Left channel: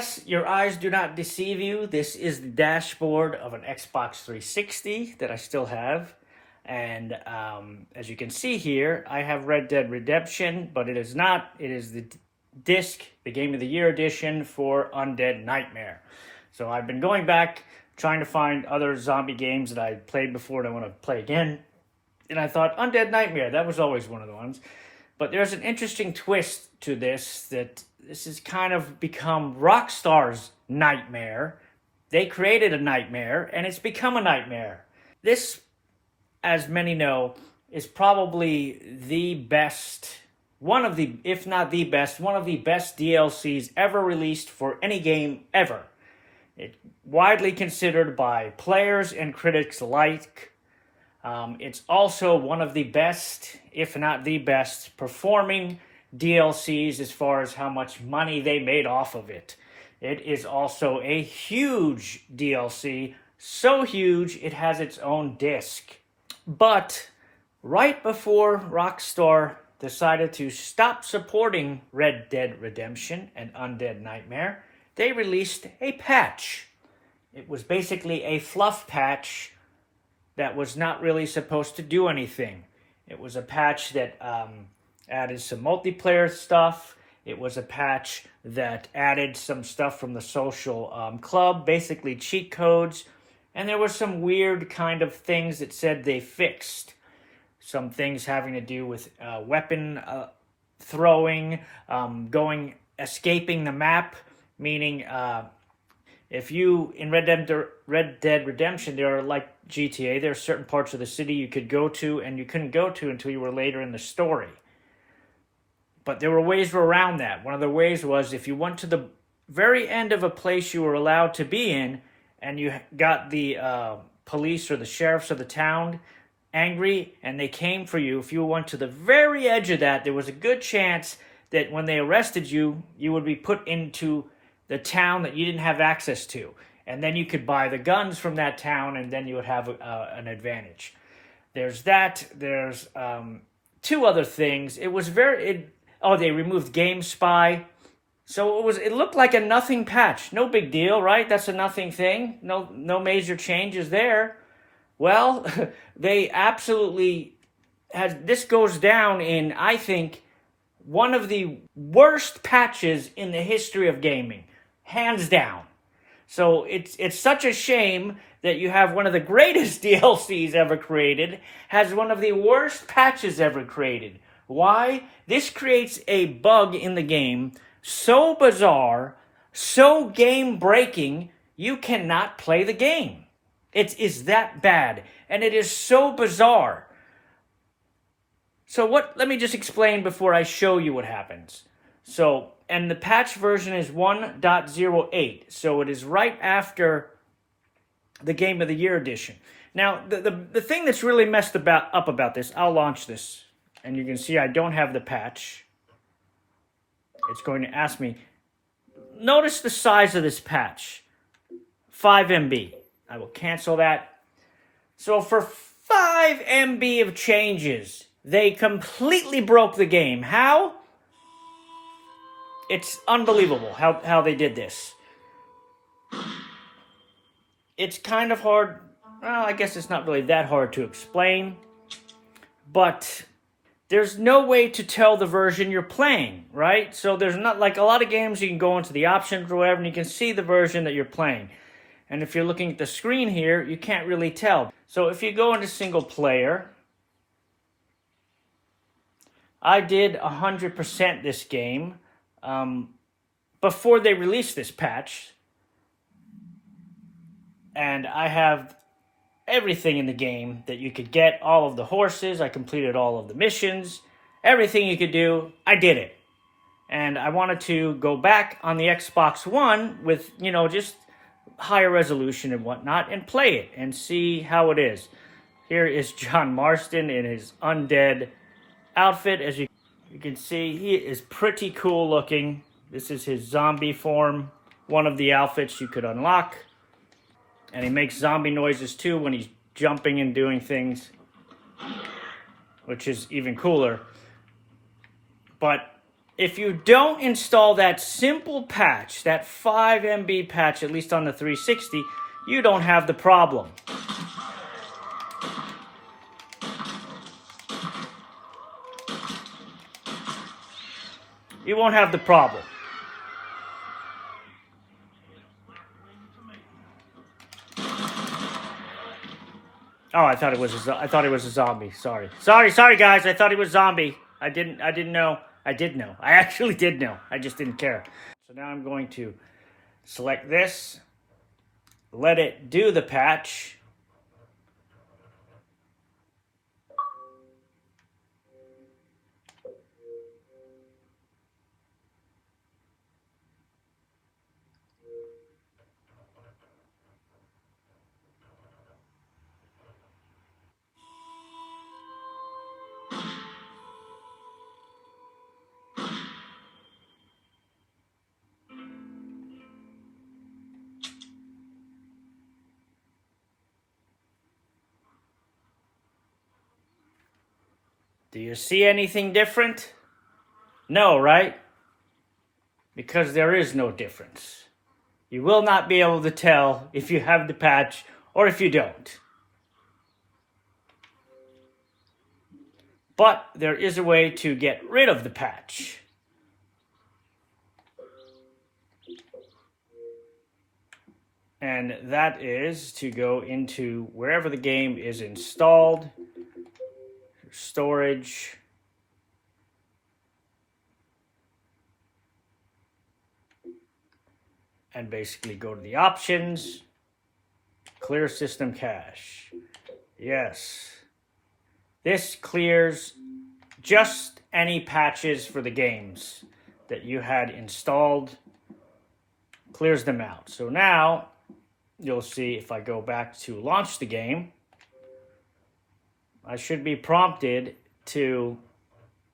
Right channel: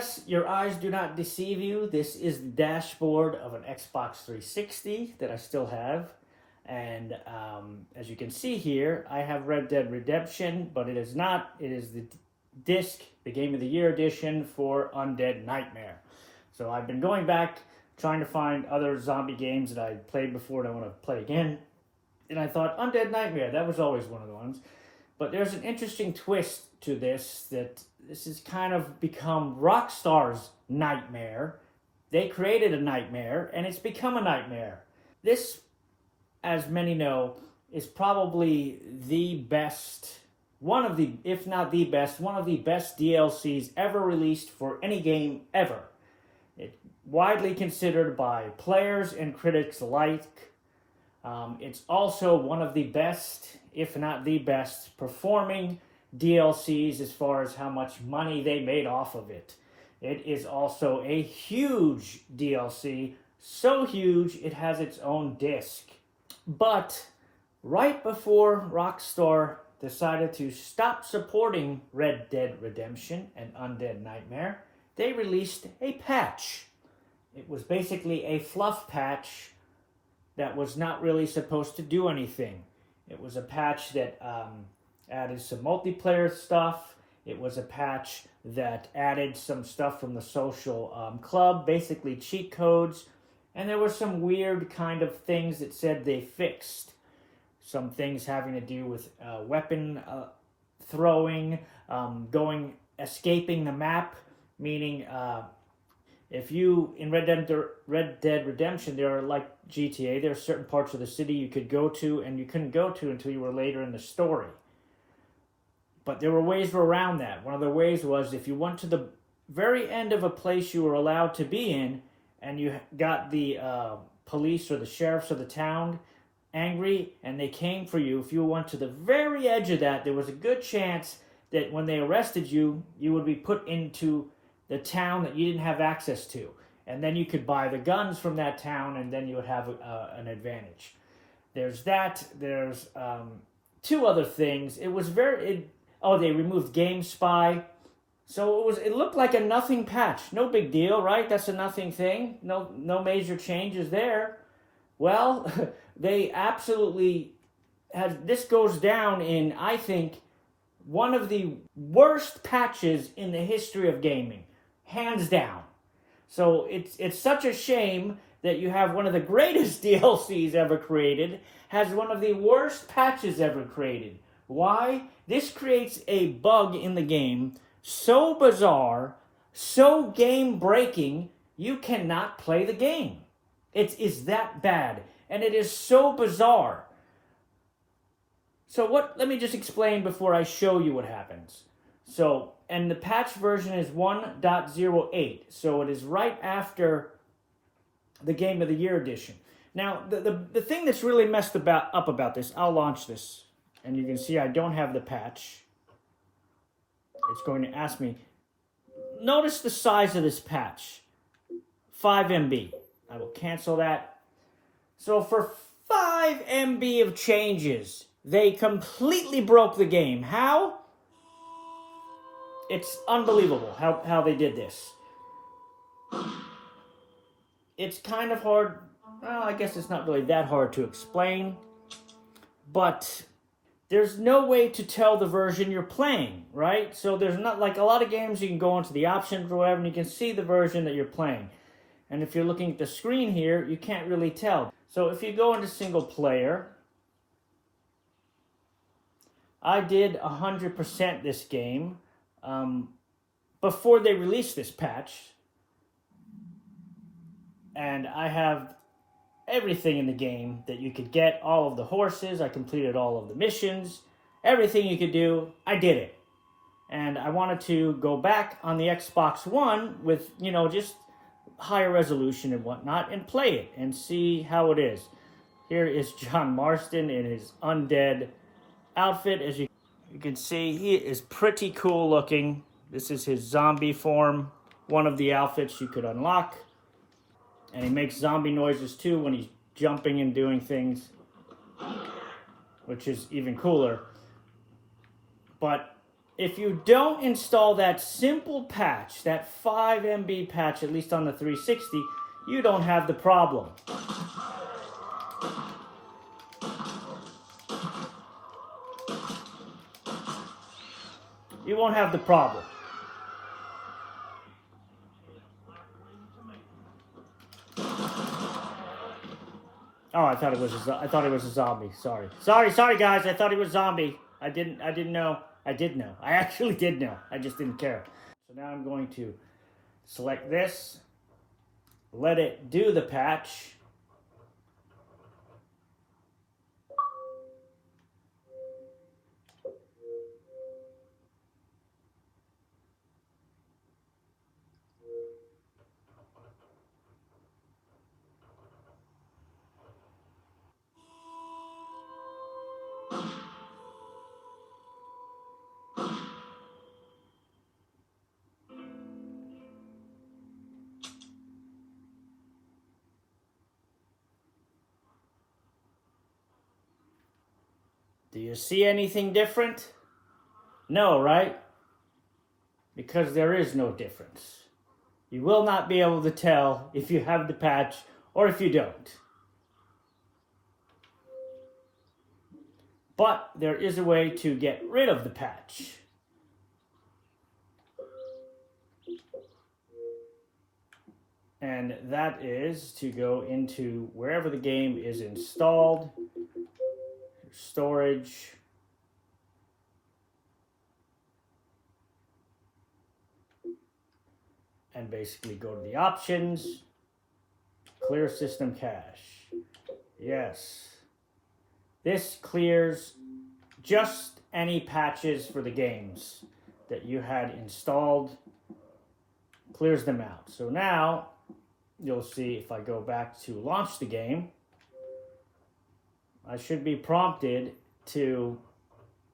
yes, your eyes do not deceive you. This is the dashboard of an Xbox 360 that I still have. And as you can see here, I have Red Dead Redemption, but it is not. It is the disc, the Game of the Year edition for Undead Nightmare. So I've been going back, trying to find other zombie games that I played before and I want to play again. And I thought, Undead Nightmare, that was always one of the ones. But there's an interesting twist to this, that this has kind of become Rockstar's nightmare. They created a nightmare, and it's become a nightmare. This, as many know, is probably the best, one of the, if not the best, one of the best DLCs ever released for any game ever. It's widely considered by players and critics alike. It's also one of the best, if not the best, performing DLCs as far as how much money they made off of it. It is also a huge DLC, so huge it has its own disc. But right before Rockstar decided to stop supporting Red Dead Redemption and Undead Nightmare, they released a patch. It was basically a fluff patch that was not really supposed to do anything. It was a patch that added some multiplayer stuff. It was a patch that added some stuff from the social club, basically cheat codes. And there were some weird kind of things that said they fixed. Some things having to do with weapon throwing, escaping the map, meaning if you, in Red Dead Redemption, there are like GTA, there are certain parts of the city you could go to and you couldn't go to until you were later in the story. But there were ways around that. One of the ways was if you went to the very end of a place you were allowed to be in and you got the police or the sheriffs of the town angry and they came for you, if you went to the very edge of that, there was a good chance that when they arrested you, you would be put into the town that you didn't have access to. And then you could buy the guns from that town and then you would have an advantage. There's that. There's two other things. It was they removed Game Spy. So it looked like a nothing patch. No big deal, right? That's a nothing thing. No major changes there. Well, they absolutely this goes down in, I think, one of the worst patches in the history of gaming. Hands down. So it's such a shame that you have one of the greatest DLCs ever created, has one of the worst patches ever created. Why? This creates a bug in the game so bizarre, so game-breaking, you cannot play the game. It is that bad, and it is so bizarre. So let me just explain before I show you what happens. So, and the patch version is 1.08, so it is right after the Game of the Year edition. Now, the thing that's really messed up about this, I'll launch this, and you can see I don't have the patch. It's going to ask me. Notice the size of this patch, 5 MB. I will cancel that. So for 5 MB of changes, they completely broke the game. How? It's unbelievable how they did this. It's kind of hard. Well, I guess it's not really that hard to explain. But there's no way to tell the version you're playing, right? So there's not, like a lot of games, you can go into the options or whatever, and you can see the version that you're playing. And if you're looking at the screen here, you can't really tell. So if you go into single player, I did 100% this game before they released this patch. And I have everything in the game that you could get, all of the horses, I completed all of the missions, everything you could do, I did it. And I wanted to go back on the Xbox One with, just higher resolution and whatnot and play it and see how it is. Here is John Marston in his undead outfit. As you can see, he is pretty cool looking. This is his zombie form, one of the outfits you could unlock. And he makes zombie noises too when he's jumping and doing things, which is even cooler. But if you don't install that simple patch, that 5 MB patch, at least on the 360, you don't have the problem. You won't have the problem. Oh, I thought it was a zombie. Sorry, guys. I thought he was zombie. I didn't know. I did know. I actually did know. I just didn't care. So now I'm going to select this, let it do the patch. Do you see anything different? No, right? Because there is no difference. You will not be able to tell if you have the patch or if you don't. But there is a way to get rid of the patch. And that is to go into wherever the game is installed, storage, and basically go to the options, clear system cache. Yes. This clears just any patches for the games that you had installed, clears them out. So now you'll see if I go back to launch the game, I should be prompted to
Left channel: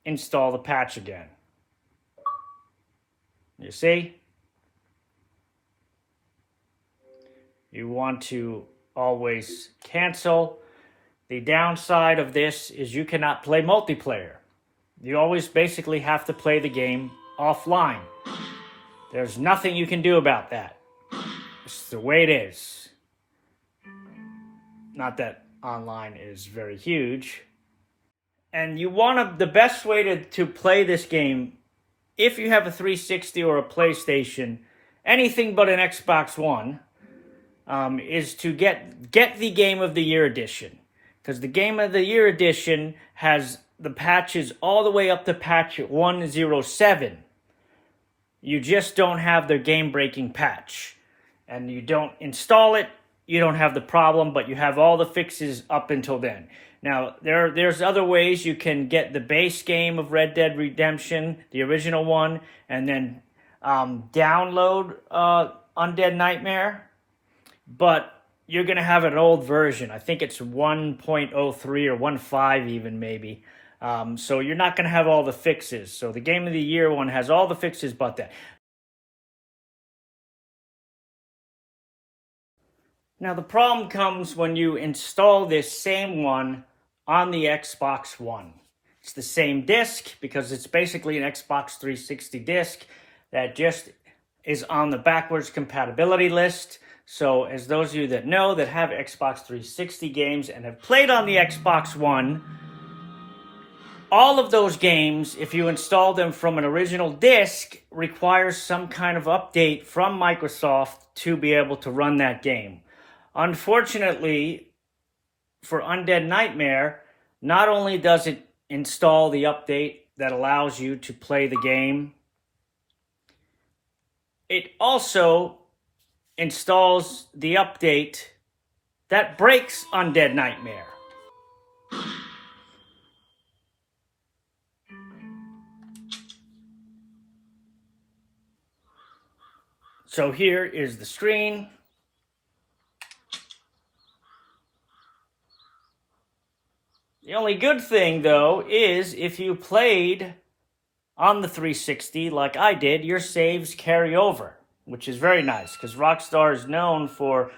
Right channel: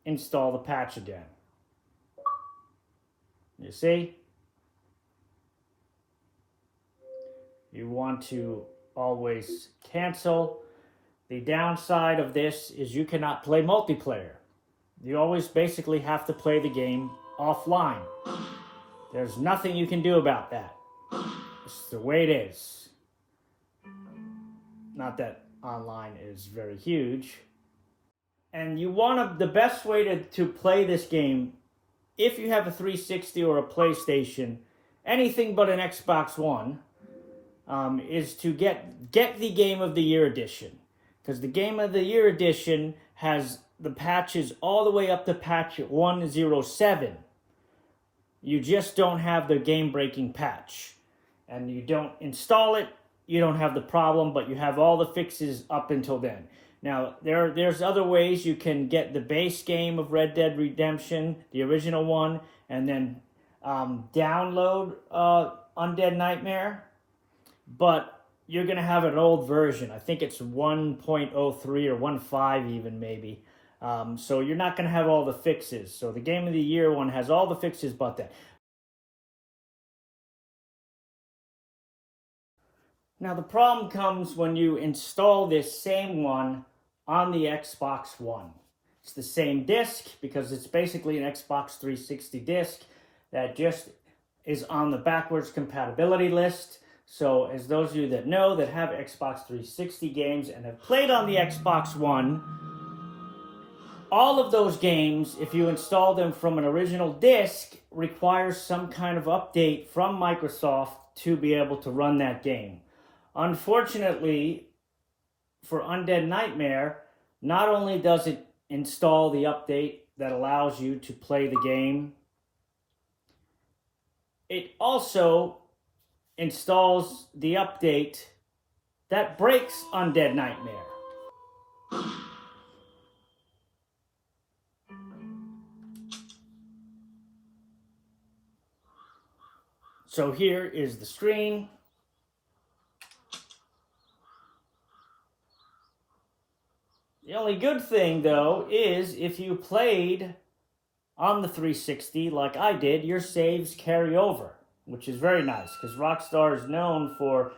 install the patch again. You see? You want to always cancel. The downside of this is you cannot play multiplayer. You always basically have to play the game offline. There's nothing you can do about that. It's the way it is. Not that online is very huge. And you want the best way to play this game, if you have a 360 or a PlayStation, anything but an Xbox One, is to get the Game of the Year edition. Because the Game of the Year edition has the patches all the way up to patch 107. You just don't have the game-breaking patch. And you don't install it, you don't have the problem, but you have all the fixes up until then. Now, there's other ways you can get the base game of Red Dead Redemption, the original one, and then download Undead Nightmare. But you're going to have an old version. I think it's 1.03 or 1.5 even maybe. So you're not going to have all the fixes. So the Game of the Year one has all the fixes but that. Now the problem comes when you install this same one on the Xbox One. It's the same disc because it's basically an Xbox 360 disc that just is on the backwards compatibility list. So as those of you that know that have Xbox 360 games and have played on the Xbox One, all of those games, if you install them from an original disc, requires some kind of update from Microsoft to be able to run that game. Unfortunately, for Undead Nightmare, not only does it install the update that allows you to play the game, it also installs the update that breaks Undead Nightmare. So here is the screen. The only good thing, though, is if you played on the 360 like I did, your saves carry over, which is very nice, because Rockstar is known for,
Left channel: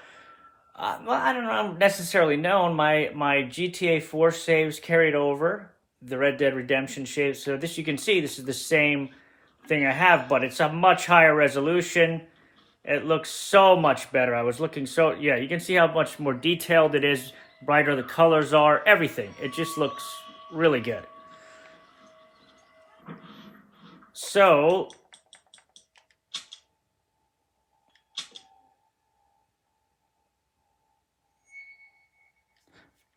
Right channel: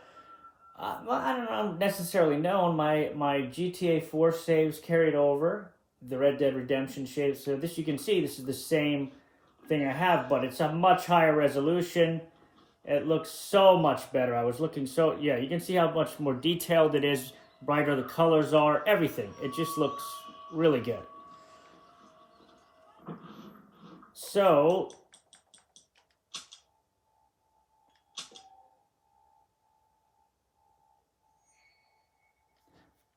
well, I don't know, I'm necessarily known. My GTA 4 saves carried over, the Red Dead Redemption saves. So this, you can see, this is the same thing I have, but it's a much higher resolution. It looks so much better. I was looking so, yeah, you can see how much more detailed it is, brighter the colors are, everything. It just looks really good. So,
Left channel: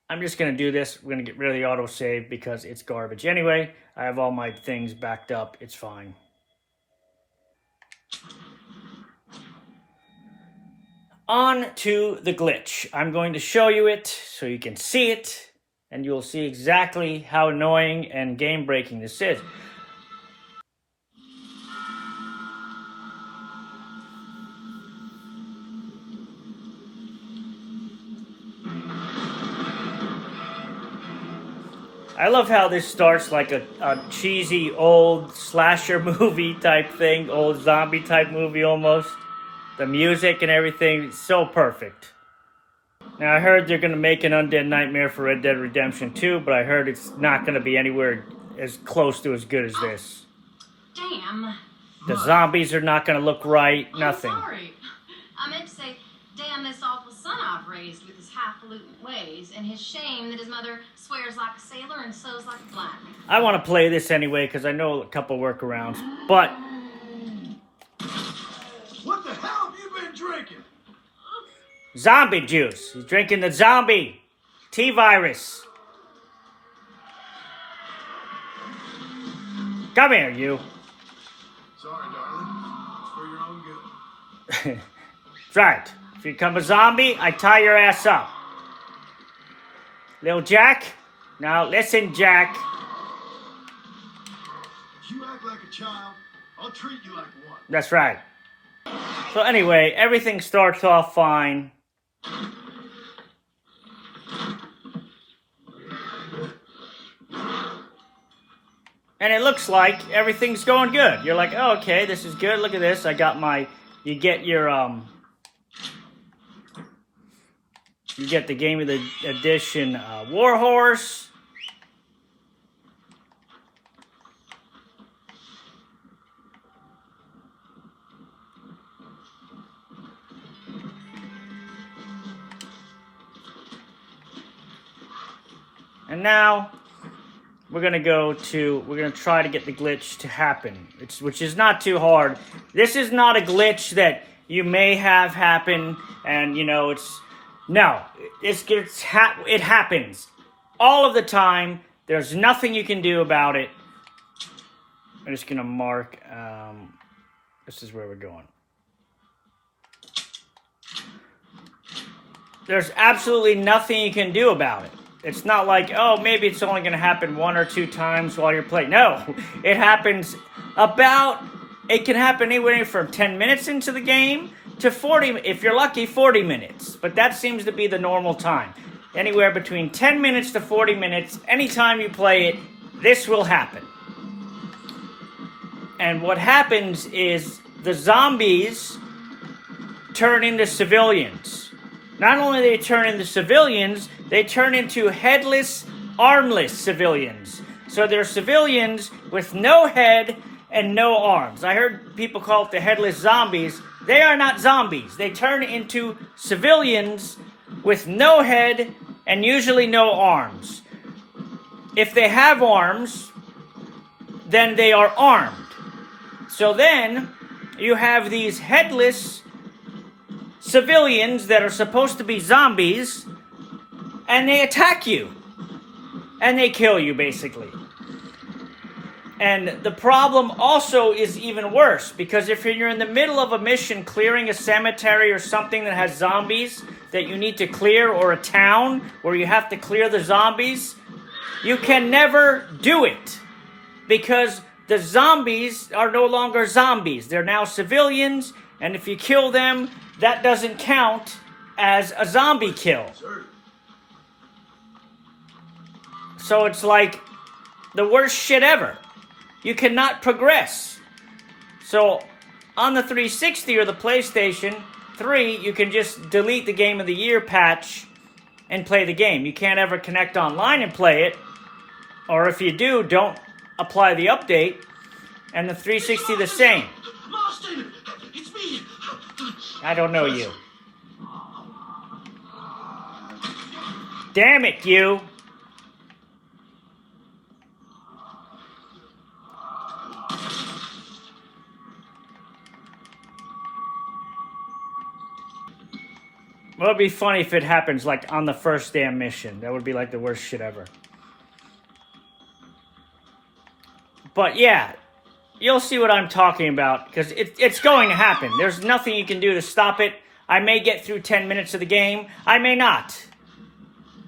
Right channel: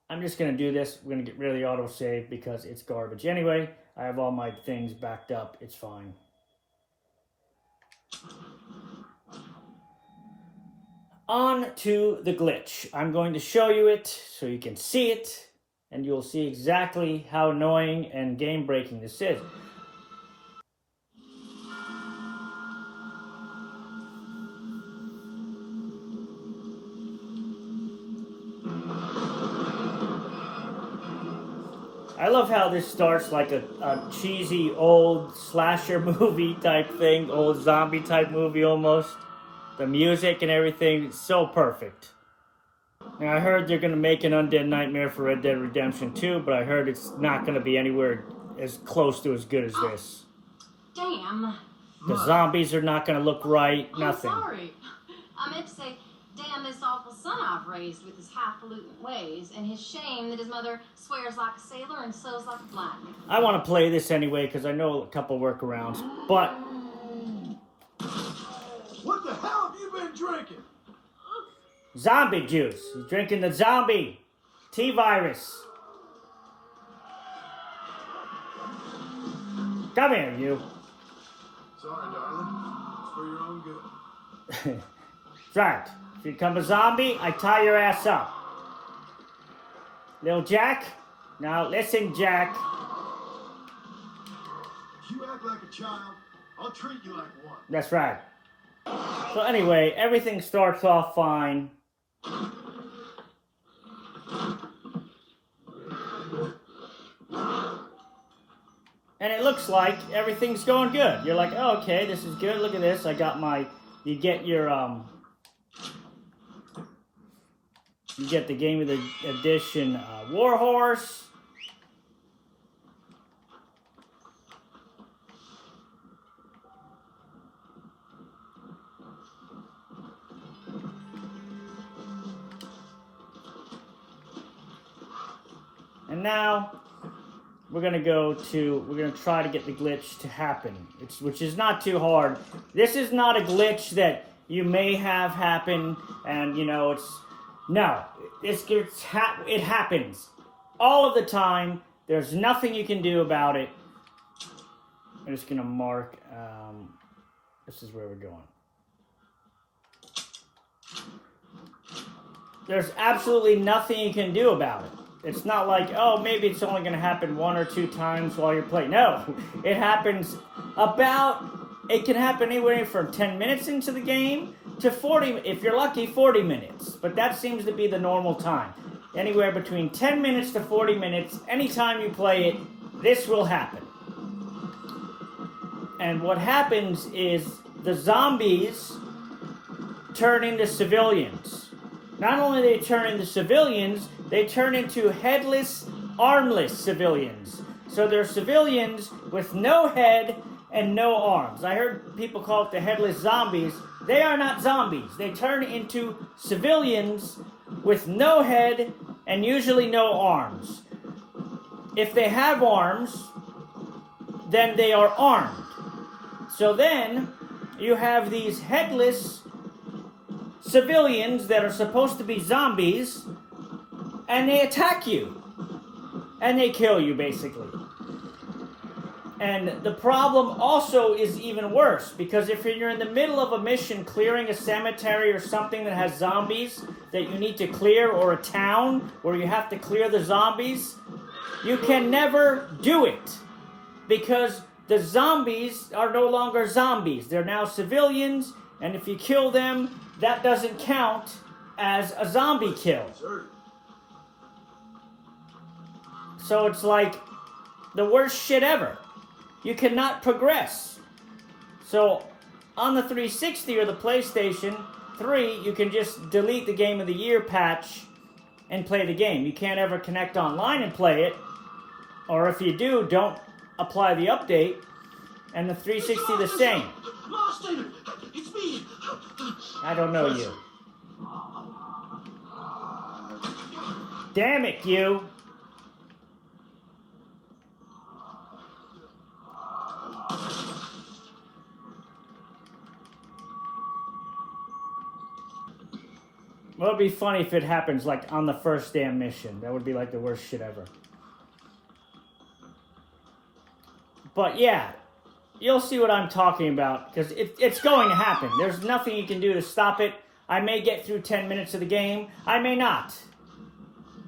I'm just going to do this. We're going to get rid of the autosave because it's garbage anyway. I have all my things backed up. It's fine. On to the glitch. I'm going to show you it so you can see it, and you'll see exactly how annoying and game-breaking this is. I love how this starts like a cheesy old slasher movie type thing, old zombie type movie almost. The music and everything, so perfect. Now I heard they're going to make an Undead Nightmare for Red Dead Redemption 2, but I heard it's not going to be anywhere as close to as good as this. Damn. The zombies are not going to look right, nothing. I'm sorry. I meant to say, damn this awful son I've raised with his highfalutin ways, and his shame that his mother swears like a sailor and sews like a blind man. I want to play this anyway because I know a couple workarounds, but... What the hell have you been drinking? Zombie juice. He's drinking the zombie T-virus. Come here, you. Sorry, darling. It's for your own good. That's right. If you become a zombie, I tie your ass up. Little Jack? Now listen, Jack. If you act like a child, I'll treat you like one. That's right. So anyway, everything starts off fine. And it looks like everything's going good. You're like, oh, okay, this is good. Look at this. I got my... You get your... You get the Game of the Edition Warhorse. And now we're gonna try to get the glitch to happen, which is not too hard. This is not a glitch that you may have happen, and you know it happens all of the time. There's nothing you can do about it. I'm just gonna mark. This is where we're going. There's absolutely nothing you can do about it. It's not like, oh, maybe it's only going to happen 1 or 2 times while you're playing. No, it happens it can happen anywhere from 10 minutes into the game to 40, if you're lucky, 40 minutes. But that seems to be the normal time. Anywhere between 10 minutes to 40 minutes, anytime you play it, this will happen. And what happens is the zombies turn into civilians. Not only do they turn into civilians, they turn into headless, armless civilians. So they're civilians with no head and no arms. I heard people call it the headless zombies. They are not zombies. They turn into civilians with no head and usually no arms. If they have arms, then they are armed. So then you have these headless civilians that are supposed to be zombies, and they attack you. And they kill you, basically. And the problem also is even worse, because if you're in the middle of a mission clearing a cemetery or something that has zombies that you need to clear, or a town where you have to clear the zombies, you can never do it. Because the zombies are no longer zombies. They're now civilians, and if you kill them, that doesn't count as a zombie kill. So it's like the worst shit ever. You cannot progress. So on the 360 or the PlayStation 3, you can just delete the Game of the Year patch and play the game. You can't ever connect online and play it. Or if you do, don't apply the update. And the 360 the same. Austin, it's me. I don't know you. Damn it, you. Well, it'd be funny if it happens like on the first damn mission. That would be like the worst shit ever. But yeah, you'll see what I'm talking about because it's going to happen. There's nothing you can do to stop it. I may get through 10 minutes of the game. I may not.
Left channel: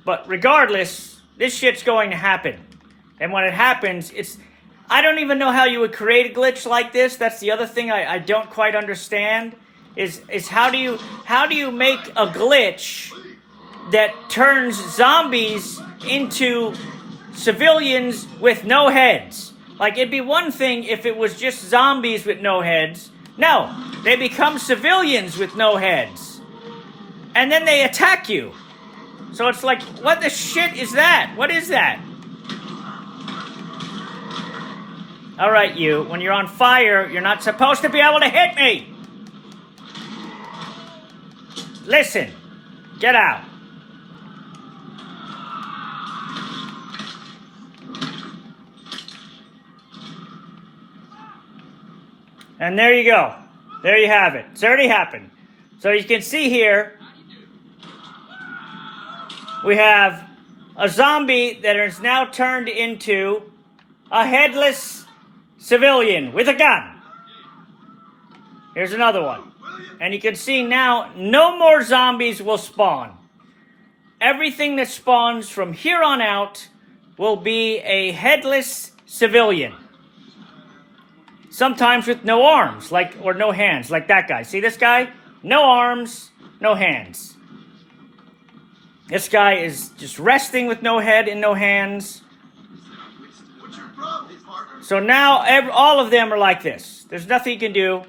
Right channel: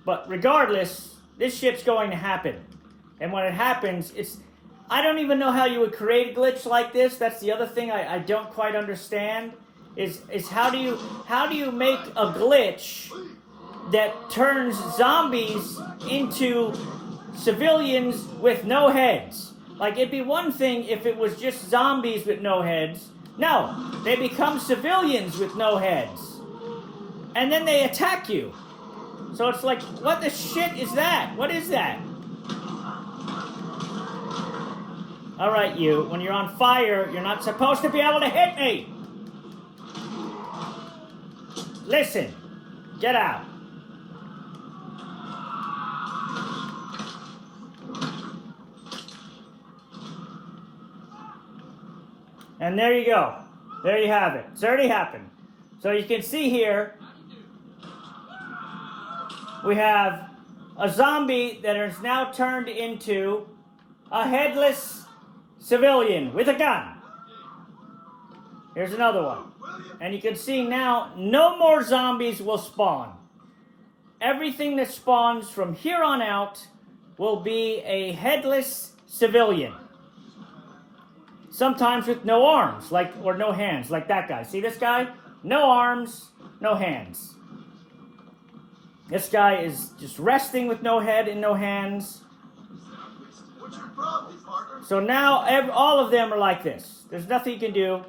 But regardless, this shit's going to happen. And when it happens, it's... I don't even know how you would create a glitch like this. That's the other thing I don't quite understand. Is how do you make a glitch that turns zombies into civilians with no heads? Like, it'd be one thing if it was just zombies with no heads. No, they become civilians with no heads. And then they attack you. So it's like, what the shit is that? What is that? Alright, you. When you're on fire, you're not supposed to be able to hit me! Listen. Get out. And there you go. There you have it. It's already happened. So you can see here, we have a zombie that is now turned into a headless civilian with a gun. Here's another one. And you can see now, no more zombies will spawn. Everything that spawns from here on out will be a headless civilian. Sometimes with no arms, or no hands, like that guy. See this guy? No arms, no hands. This guy is just resting with no head and no hands. What's your problem, partner? So now all of them are like this. There's nothing you can do.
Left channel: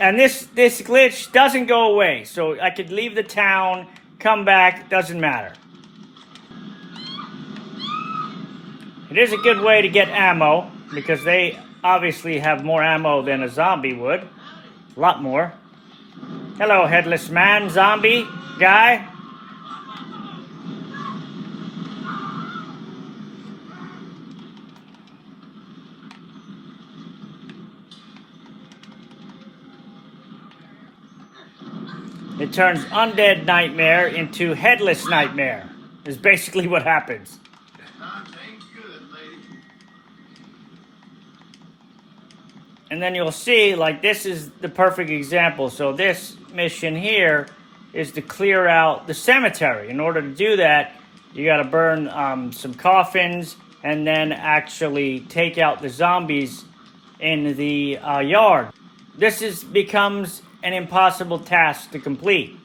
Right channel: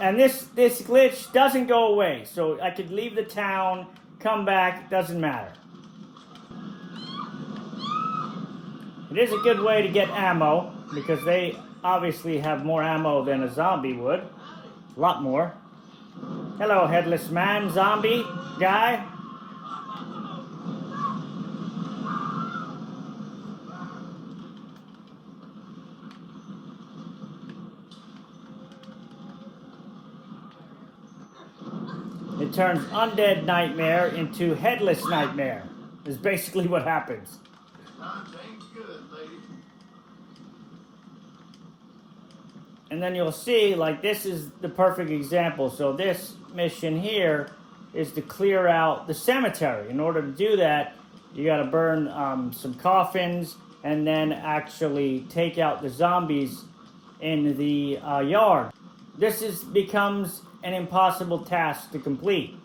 And this glitch doesn't go away. So I could leave the town, come back, doesn't matter. It is a good way to get ammo, because they obviously have more ammo than a zombie would. A lot more. Hello, headless man, zombie, guy. It turns undead nightmare into headless nightmare. Is basically what happens. Times ain't good, lady. And then you'll see, like, this is the perfect example. So this mission here is to clear out the cemetery. In order to do that, you got to burn some coffins and then actually take out the zombies in the yard. This becomes an impossible task to complete.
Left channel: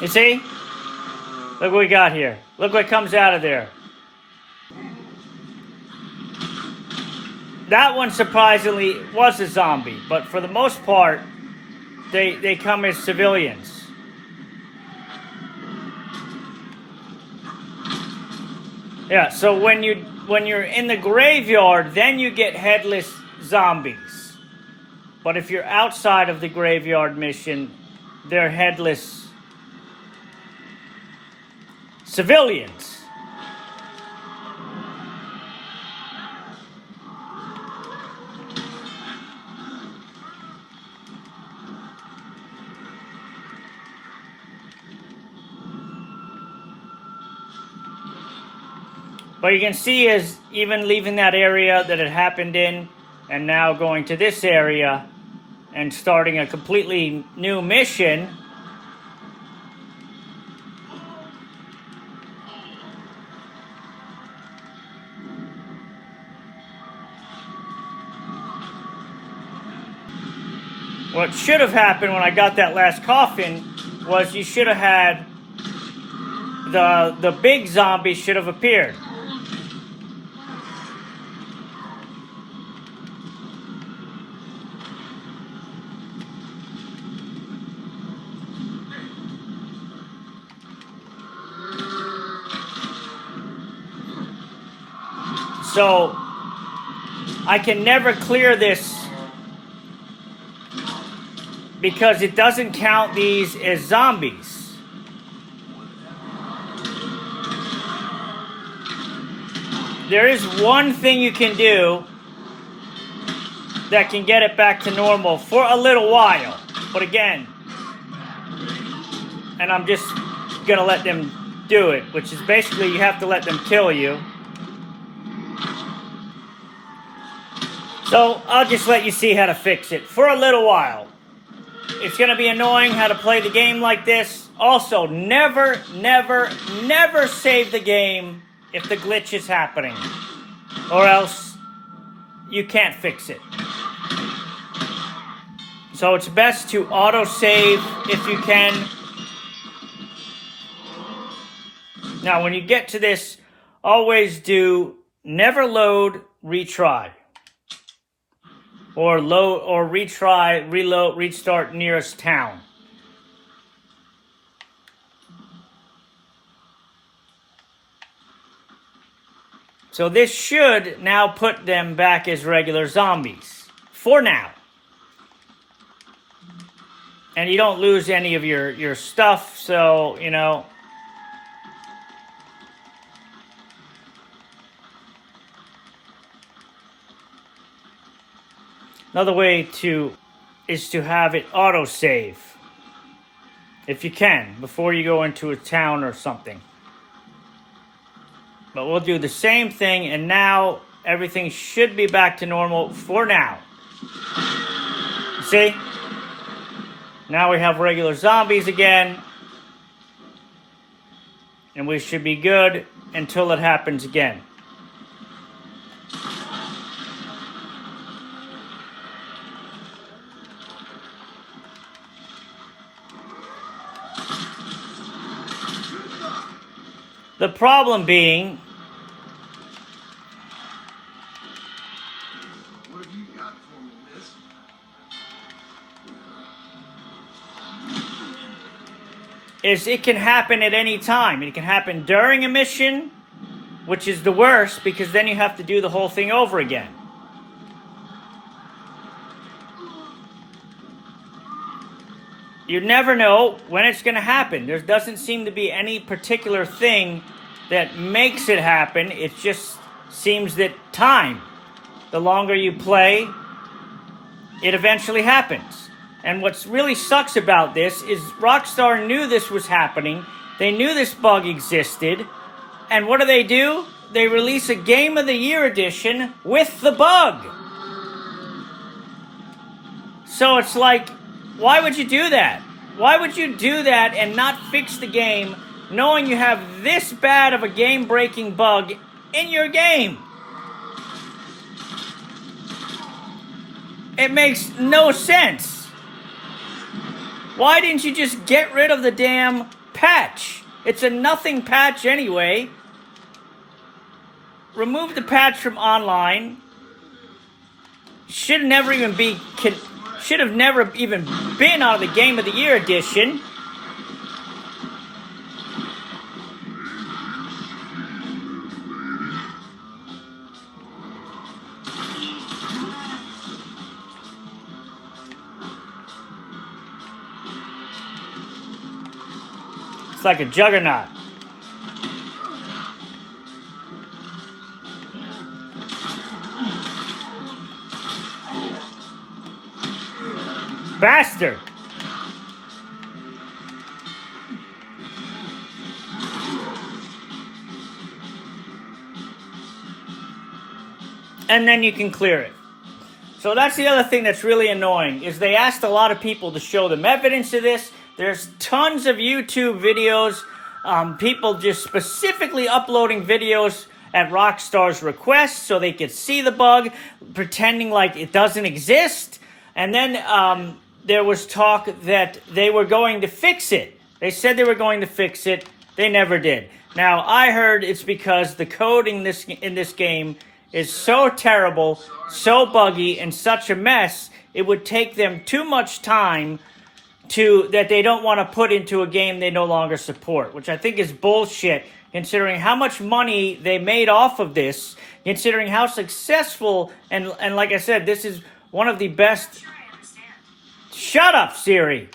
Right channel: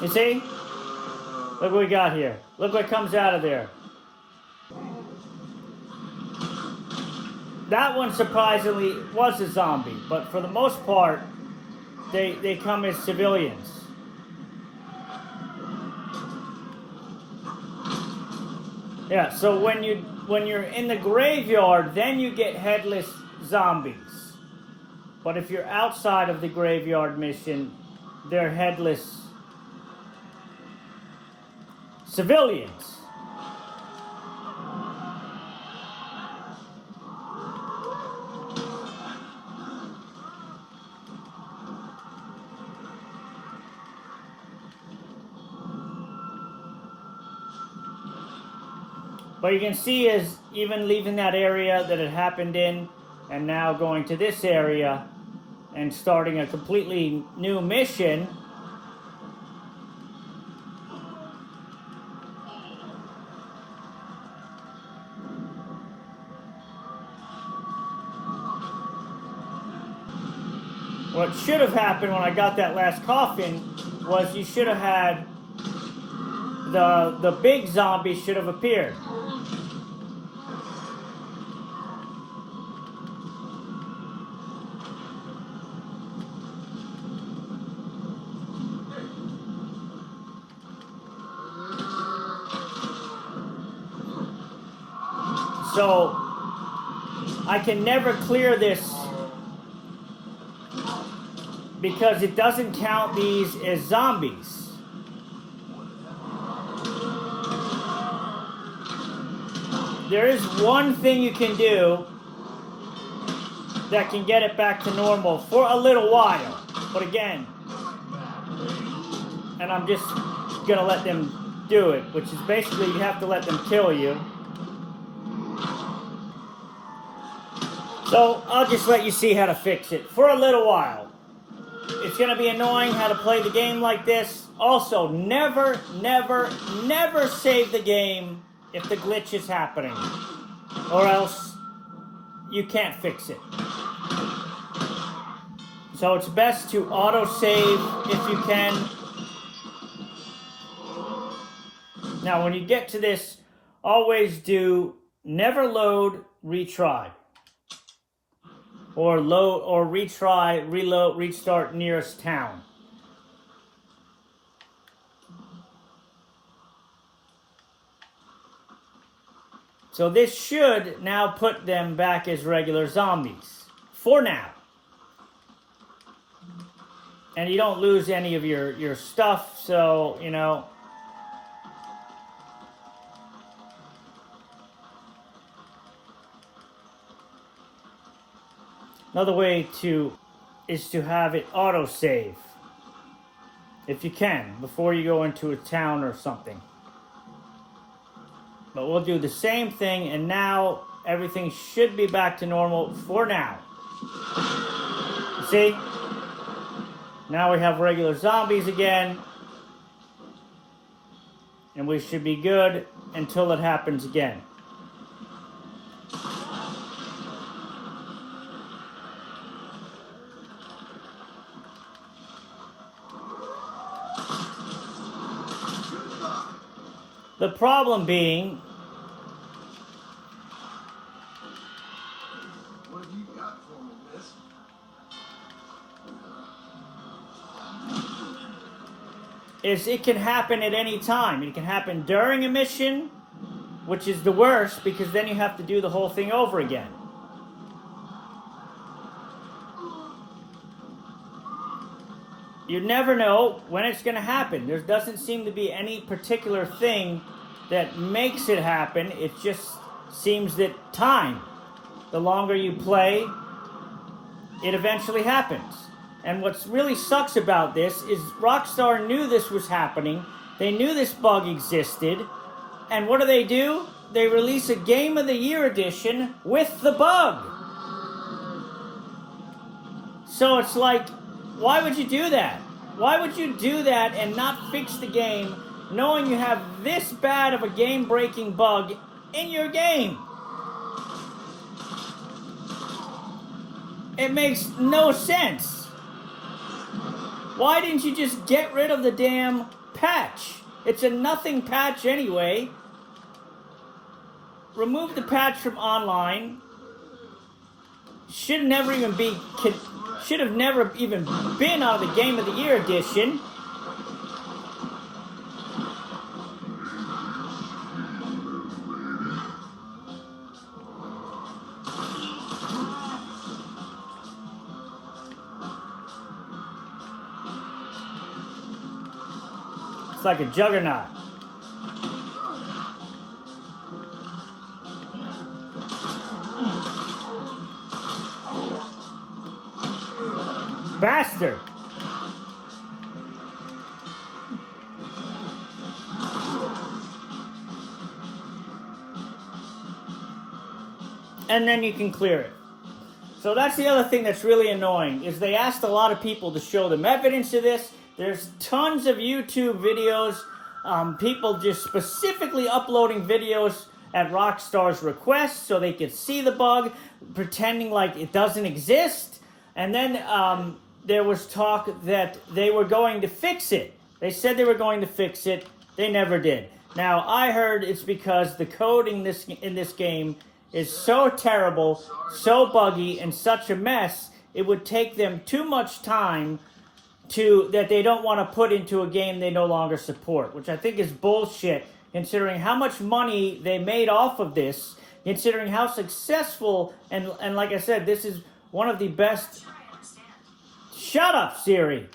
You see? Look what we got here. Look what comes out of there. That one surprisingly was a zombie, but for the most part, they come as civilians. Yeah, so when you're in the graveyard, then you get headless zombies. But if you're outside of the graveyard mission, they're headless civilians. But you can see is even leaving that area that it happened in and now going to this area and starting a completely new mission. What should have happened when I got that last coffin was you should have had the big zombie should have appeared. So I can never clear this because it doesn't count these as zombies. There is one thing you can do that can get it back to normal for a little while. But again, and I'm just gonna let them do it, which is basically you have to let them kill you. So I'll just let you see how to fix it for a little while. It's gonna be annoying how to play the game like this. Also, never, never, never save the game if the glitch is happening, or else you can't fix it. So it's best to auto-save if you can. Now, when you get to this, always do never load, retry. Or load or retry, reload, restart nearest town. So this should now put them back as regular zombies. For now. And you don't lose any of your stuff, so, you know. Another way is to have it auto-save. If you can, before you go into a town or something. But we'll do the same thing, and now everything should be back to normal for now. See? Now we have regular zombies again. And we should be good until it happens again. The problem being, What have you got for me, miss? is it can happen at any time. It can happen during a mission, which is the worst because then you have to do the whole thing over again. You never know when it's going to happen. There doesn't seem to be any particular thing that makes it happen. It just seems that time, the longer you play, it eventually happens. And what really sucks about this is Rockstar knew this was happening. They knew this bug existed. And what do? They release a Game of the Year edition with the bug. So it's like, why would you do that? Why would you do that and not fix the game knowing you have this bad of a game-breaking bug in your game? It makes no sense. Why didn't you just get rid of the damn patch? It's a nothing patch anyway. Remove the patch from online. Should never even be... should have never even been on the Game of the Year edition. It's like a juggernaut. Bastard! And then you can clear it. So that's the other thing that's really annoying, is they asked a lot of people to show them evidence of this. There's tons of YouTube videos, people just specifically uploading videos at Rockstar's request so they could see the bug, pretending like it doesn't exist. And then there was talk that they were going to fix it. They said they were going to fix it. They never did. Now, I heard it's because the coding in this game is so terrible, so buggy, and such a mess, it would take them too much time that they don't want to put into a game they no longer support, which I think is bullshit. considering how much money they made off of this, considering how successful, and like I said, this is one of the best... Sure, I understand. Shut up, Siri!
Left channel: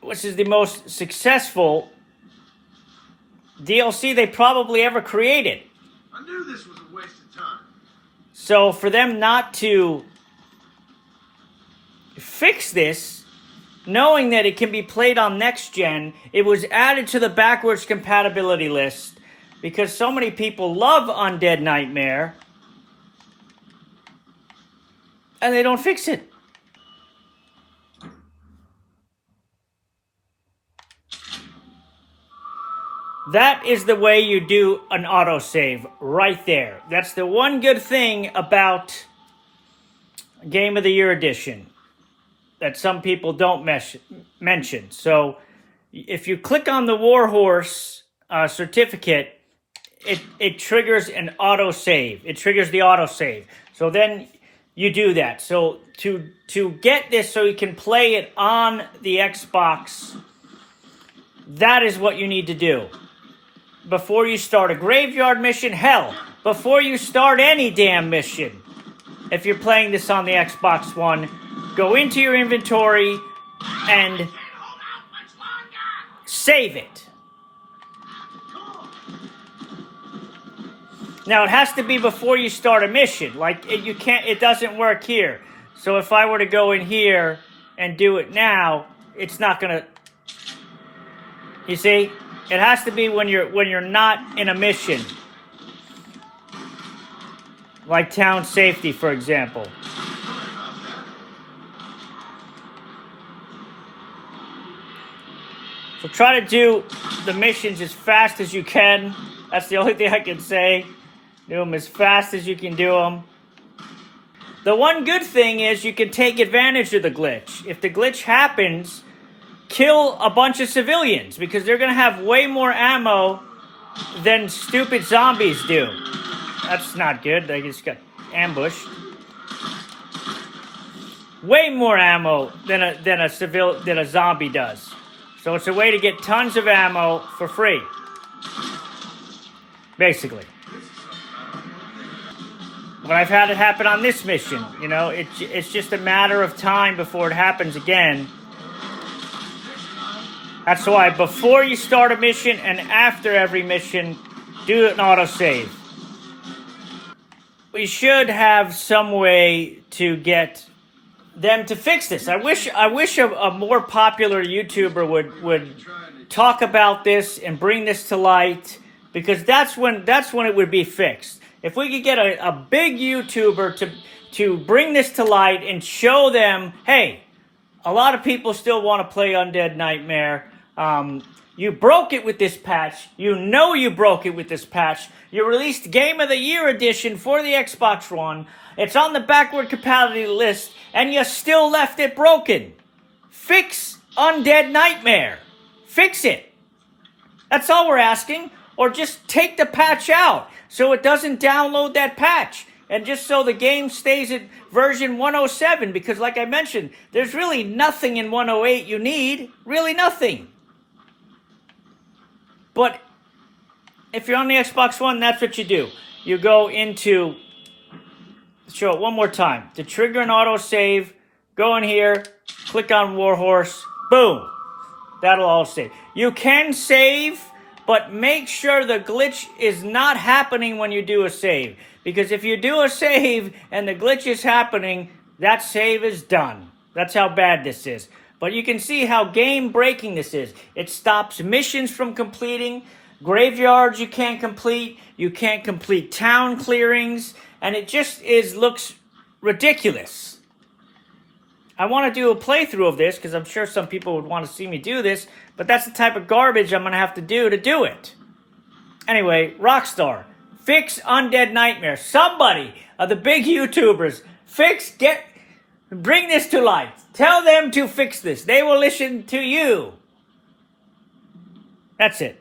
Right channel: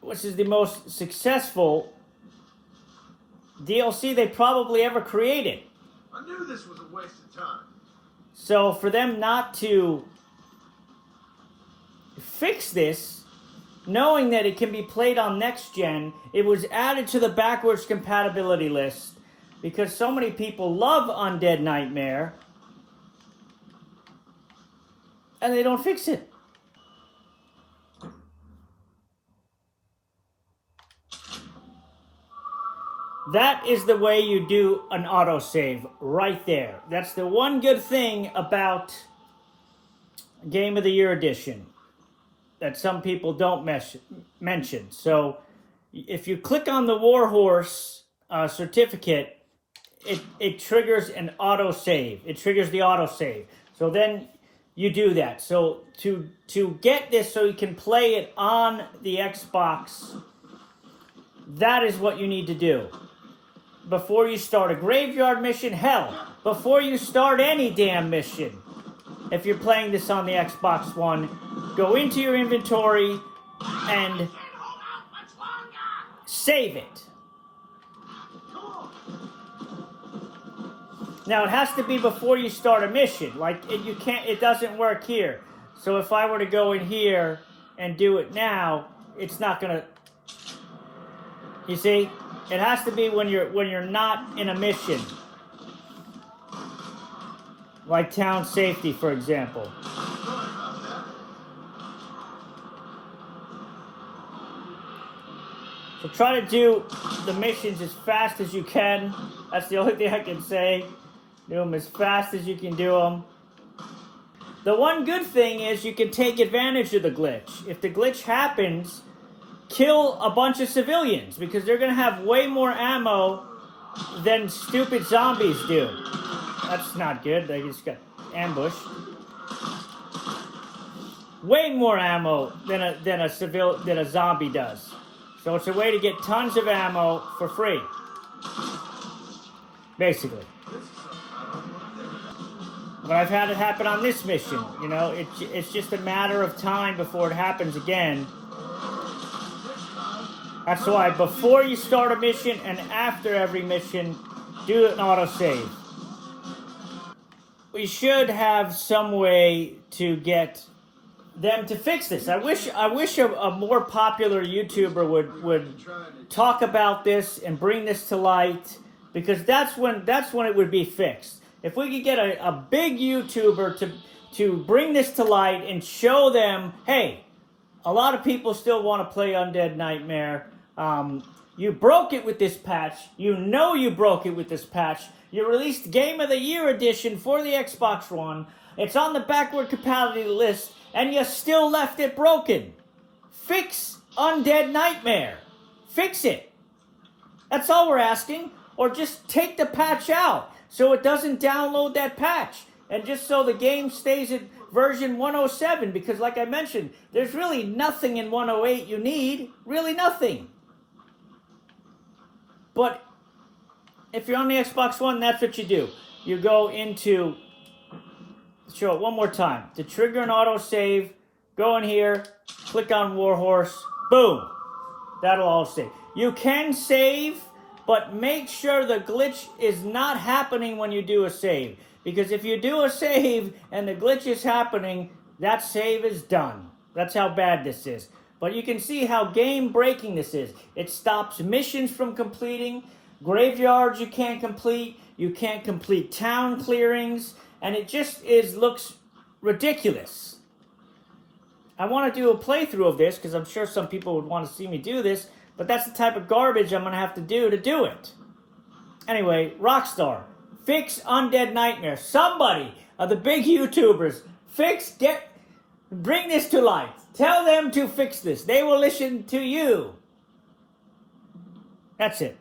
Which is the most successful DLC they probably ever created. I knew this was a waste of time. So for them not to fix this, knowing that it can be played on next gen, it was added to the backwards compatibility list because so many people love Undead Nightmare and they don't fix it. That is the way you do an autosave right there. That's the one good thing about Game of the Year edition that some people don't mention. So if you click on the Warhorse certificate, it triggers an autosave. It triggers the autosave. So then you do that. So to get this so you can play it on the Xbox, that is what you need to do. Before you start a graveyard mission, hell, before you start any damn mission, if you're playing this on the Xbox One, go into your inventory and save it. Now, it has to be before you start a mission. Like, it doesn't work here. So if I were to go in here and do it now, it's not gonna, you see? It has to be when you're not in a mission. Like town safety, for example. So try to do the missions as fast as you can. That's the only thing I can say. Do them as fast as you can do them. The one good thing is you can take advantage of the glitch. If the glitch happens, kill a bunch of civilians because they're going to have way more ammo than stupid zombies do. That's not good. They just got ambushed. Way more ammo than a zombie does. So it's a way to get tons of ammo for free. Basically. But I've had it happen on this mission. You know, it's just a matter of time before it happens again. That's why before you start a mission and after every mission, do an autosave. We should have some way to get them to fix this. I wish a more popular YouTuber would talk about this and bring this to light, because that's when it would be fixed. If we could get a big YouTuber to bring this to light and show them, hey, a lot of people still want to play Undead Nightmare. You broke it with this patch. You know you broke it with this patch. You released Game of the Year edition for the Xbox One. It's on the backward compatibility list, and you still left it broken. Fix Undead Nightmare. Fix it. That's all we're asking. Or just take the patch out so it doesn't download that patch. And just so the game stays at version 107. Because like I mentioned, there's really nothing in 108 you need. Really nothing. But if you're on the Xbox One, that's what you do. You go into, show it one more time. To trigger an autosave, go in here, click on Warhorse, boom. That'll all save. You can save, but make sure the glitch is not happening when you do a save. Because if you do a save and the glitch is happening, that save is done. That's how bad this is. But you can see how game-breaking this is. It stops missions from completing, graveyards you can't complete town clearings, and it just looks ridiculous. I want to do a playthrough of this, because I'm sure some people would want to see me do this, but that's the type of garbage I'm going to have to do it. Anyway, Rockstar, fix Undead Nightmare. Somebody, the big YouTubers, bring this to light. Tell them to fix this. They will listen to you. That's it.